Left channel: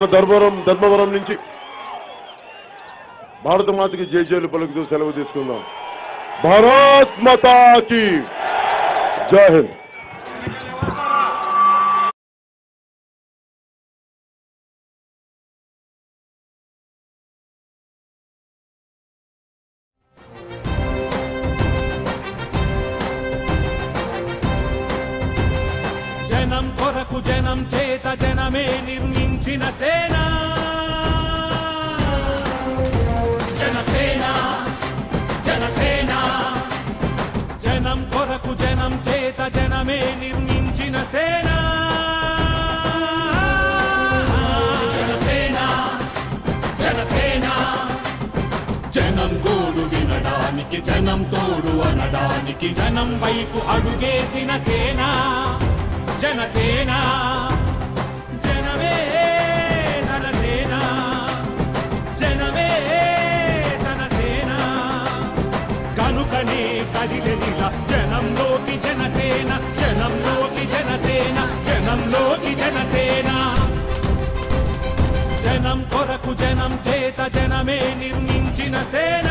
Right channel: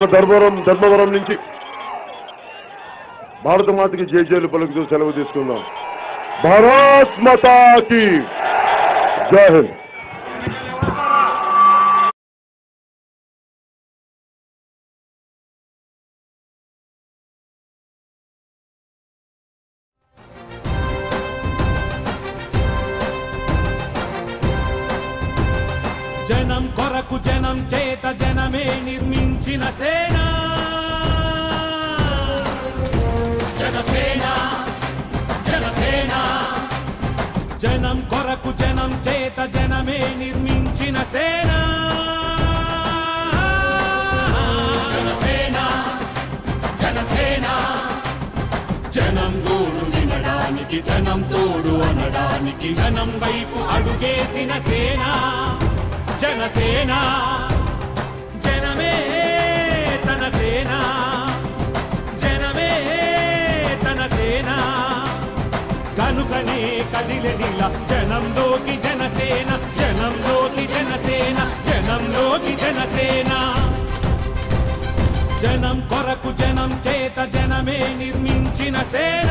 ధర్మవరం నుంచి భారత మాతకి జయజయలు పలుకుతూ సెలవు తీసుకుందాం. భారత్ మాతాకి జై హింద్. జనం కొరకు జనం చేత జనమే నిర్మించిన సేన జనసేన జనసేన. జనం కొరకు జనం చేత జనమే నిర్మించిన సేన జనసేన జనసేన. జనం గోడు వినడానికి జనం తోడు అనడానికి జనం వైపు అడుగేసిన సేన జనసేన. జనమే తన సేన జనమే తన సేన. కనుకనే కదిలెదిలా జనంలోకి జనసేన జనంలోకి జనసేన జనంలోకి జనసేన. జనం కొరకు జనం చేత జనమే నిర్మించిన సేన